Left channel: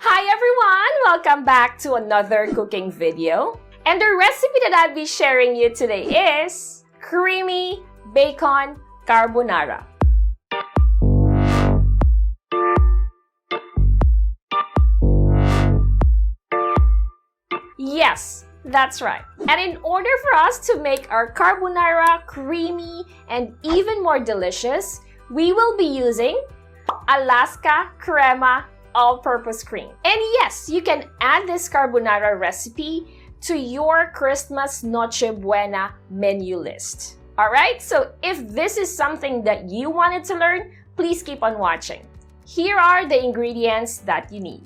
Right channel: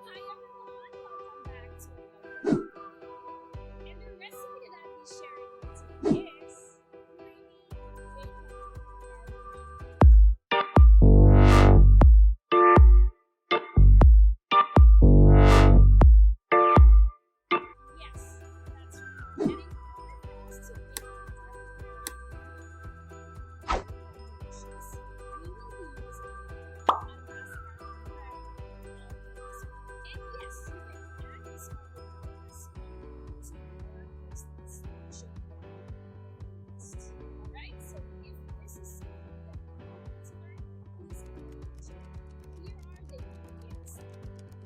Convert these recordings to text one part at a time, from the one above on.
Hi everyone! Welcome back to another cooking video. And the recipe that I'll be sharing you today is creamy bacon carbonara. Yes, that's right. And in order for us to make our carbonara creamy and even more delicious, we will be using Alaska Crema All-purpose Cream. And yes, you can add this carbonara recipe to your Christmas Noche Buena menu list. Alright, so if this is something that you wanted to learn, please keep on watching. Here are the ingredients that you need.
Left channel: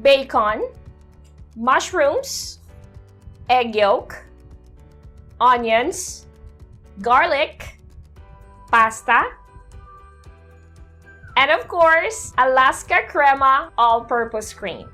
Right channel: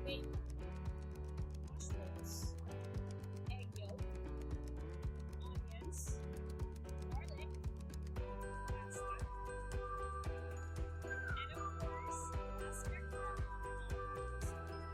Bacon, mushrooms, egg yolk, onions, garlic, pasta, and of course, Alaska Crema All-purpose Cream.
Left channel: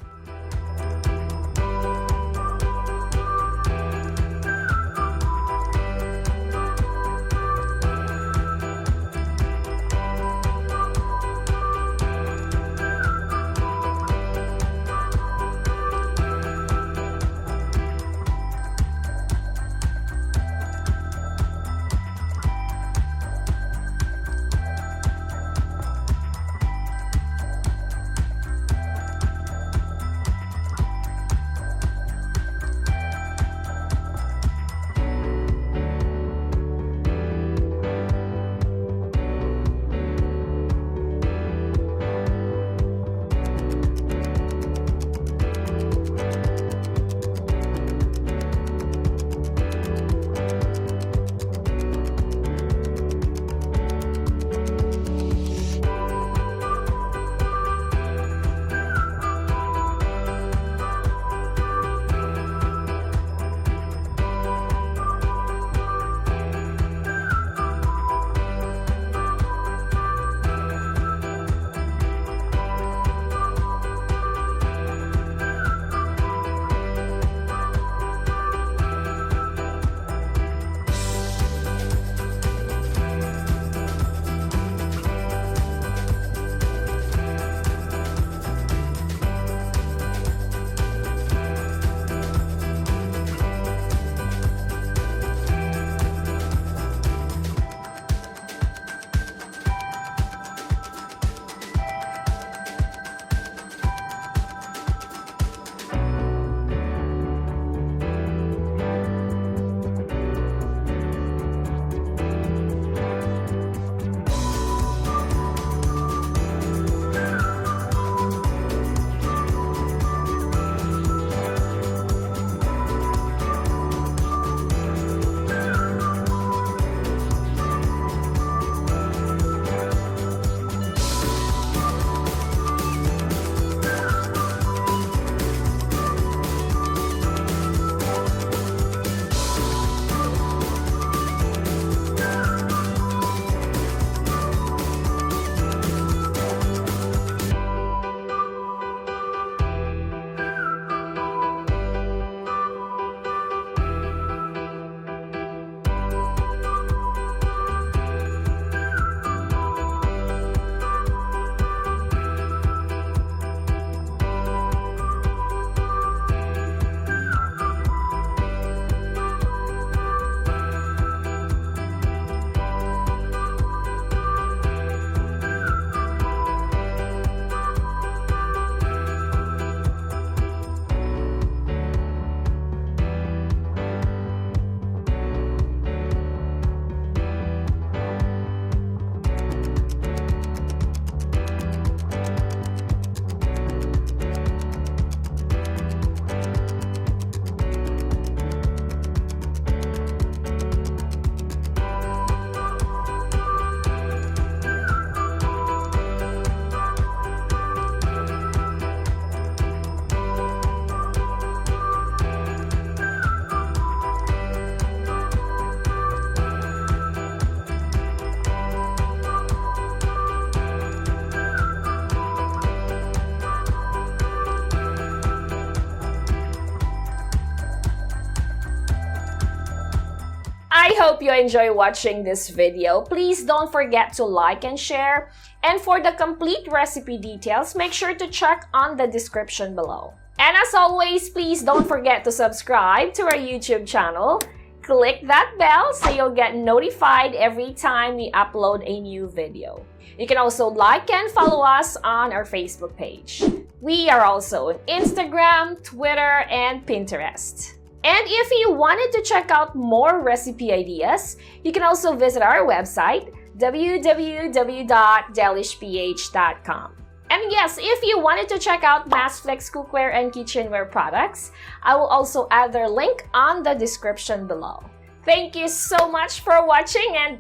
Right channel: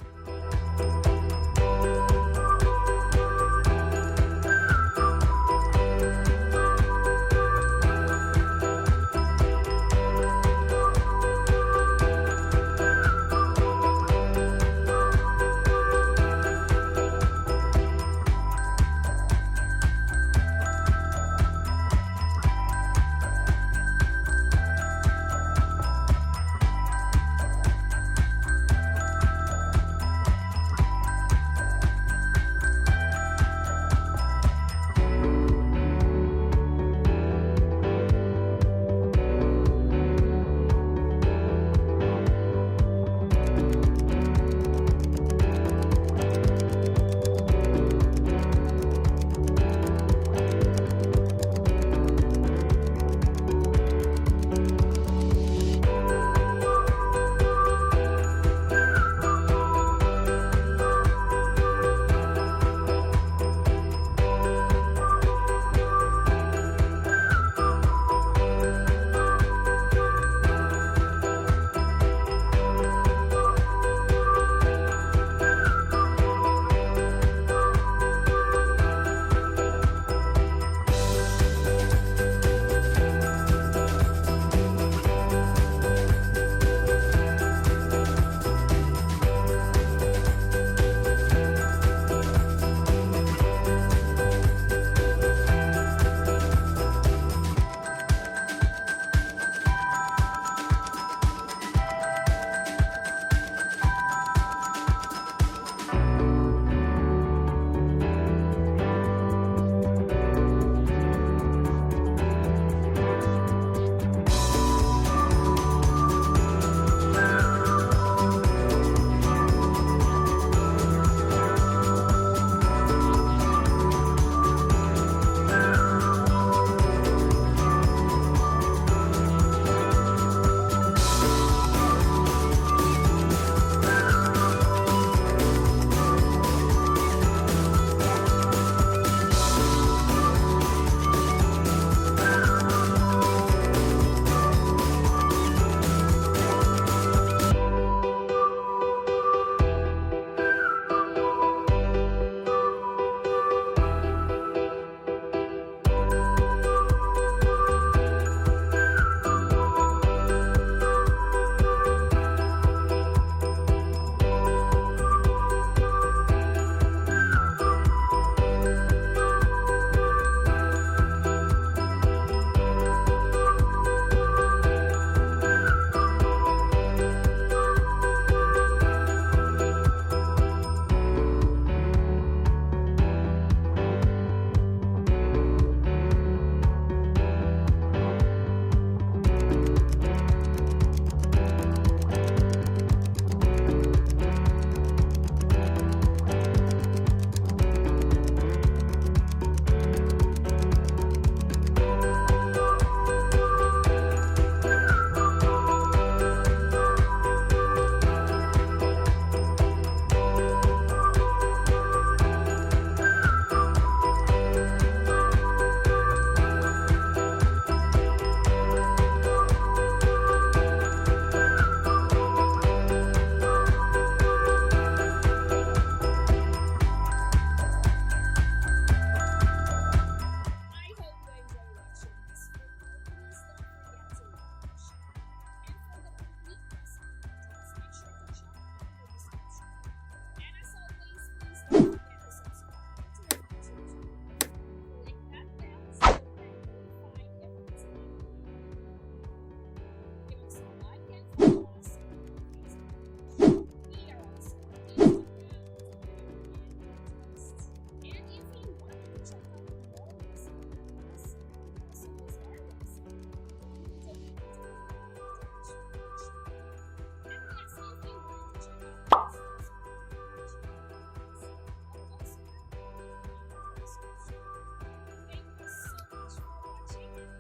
I hope you enjoy watching this video. Please don't forget to like and share. And for the complete recipe details, make sure to check on the description below. And as always, please don't forget to subscribe to our YouTube channel. Click that bell so you'll get notified every time we upload a new video. You can also like and follow us on our Facebook page. We are also on Instagram, Twitter, and Pinterest. And if you wanted to check out more recipe ideas, you can also visit our website, www.delishph.com. And yes, if you wanted to check out MassFlex cookware and kitchenware products, I will also add their link on the description below. Thank you so much for watching, and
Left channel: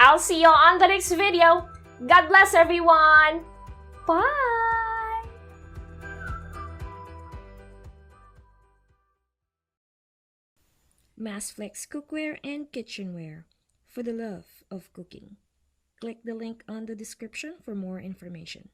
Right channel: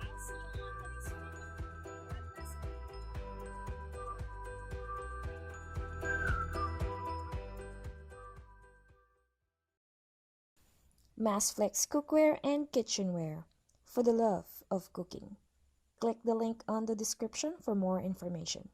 I'll see you on the next video. God bless everyone! Bye! MassFlex cookware and kitchenware for the love of cooking. Click the link on the description for more information.